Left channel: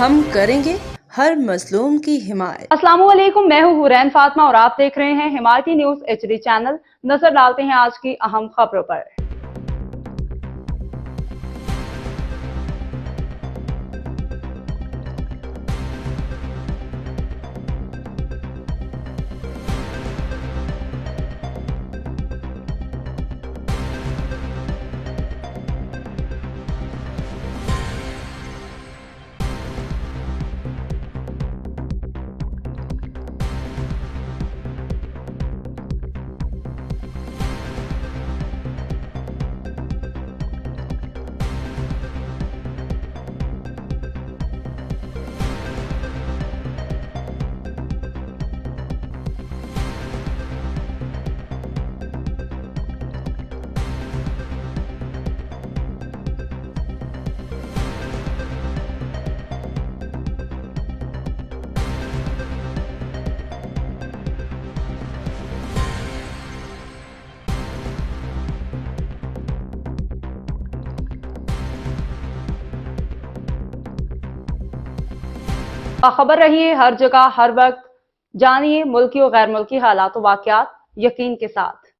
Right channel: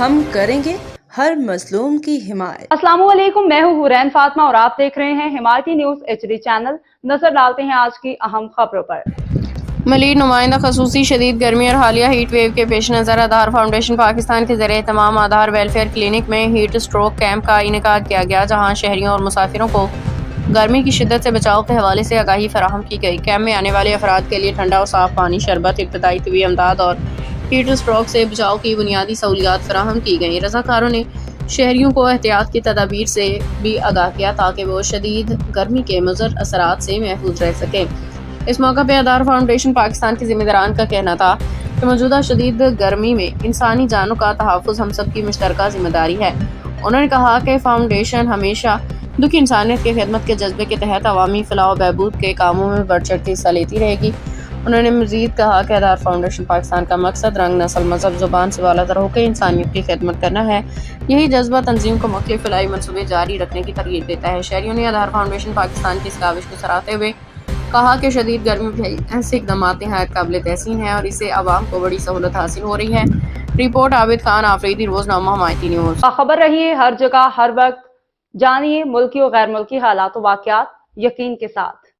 ہم کریں گے ہر مظلوم کی حمایت۔ السلام علیکم، میں ہوں حورین فاطمہ اور آپ دیکھ رہے ہیں حمایتی نیوز HD چینل۔ نظر ڈالتے ہیں آج کی اہم خبروں پر۔ ملیر نمائندہ خصوصی شدید گرمی اور حالیہ ہیٹ ویو کے پیش نظر آدھار فاؤنڈیشن پاکستان کے زیر اہتمام آدھار ویلفیئر کلینک میں ہیٹ اسٹروک کیمپ کا انعقاد کیا گیا، جہاں شہریوں اور مسافروں کو گرمی کی شدت سے بچاؤ کے حوالے سے آگاہی فراہم کی گئی۔ کیمپ میں آنے والے افراد کے لیے ٹھنڈا اور صاف پانی، شربت، ابتدائی طبی امداد اور ہیٹ اسٹروک سے بچاؤ کی بنیادی سہولیات فراہم کی گئیں۔ رضاکاروں نے شہریوں کو احتیاط کی تدابیر سے بھی آگاہ کیا تاکہ وہ شدید گرمی کے مضر اثرات سے محفوظ رہ سکیں۔ اس موقع پہ آدھار فاؤنڈیشن پاکستان کے ذمہ داران کا کہنا تھا کہ موجودہ شدید گرمی میں انسانی جانوں کا تحفظ ہم سب کی مشترکہ ذمہ داری ہے۔ انہوں نے کہا کہ فاؤنڈیشن ہمیشہ دکھی انسانیت کی خدمت کے جذبے کے تحت عوامی فلاح و بہبود کے کاموں میں بڑھ چڑھ کے حصہ لیتی رہے گی۔ انہوں نے مزید کہا کہ آدھار فاؤنڈیشن پاکستان کا مقصد رنگ، نسل، مذہب، زبان سے بالاتر ہو کے انسانیت کی خدمت کرنا ہے۔ یہی جذبہ تنظیم کو مختلف فلاحی منصوبے جاری رکھنے کی ترغیب دیتا ہے۔ شہریوں نے آدھار فاؤنڈیشن پاکستان کی اس کاوش کو سراہتے ہوئے کہا کہ شدید گرمی میں ایسے اقدامات نہایت قابل تحسین ہیں اور اس سے عوام کو بڑی سہولت حاصل ہو رہی ہے۔ رپورٹ عابد خان آفریدی، روزنامہ حمایتی نیوز۔ باخبر رہیے ہر جگہ ہر وقت، جانیے ملکی و غیر ملکی حالات و واقعات یقین کے ساتھ۔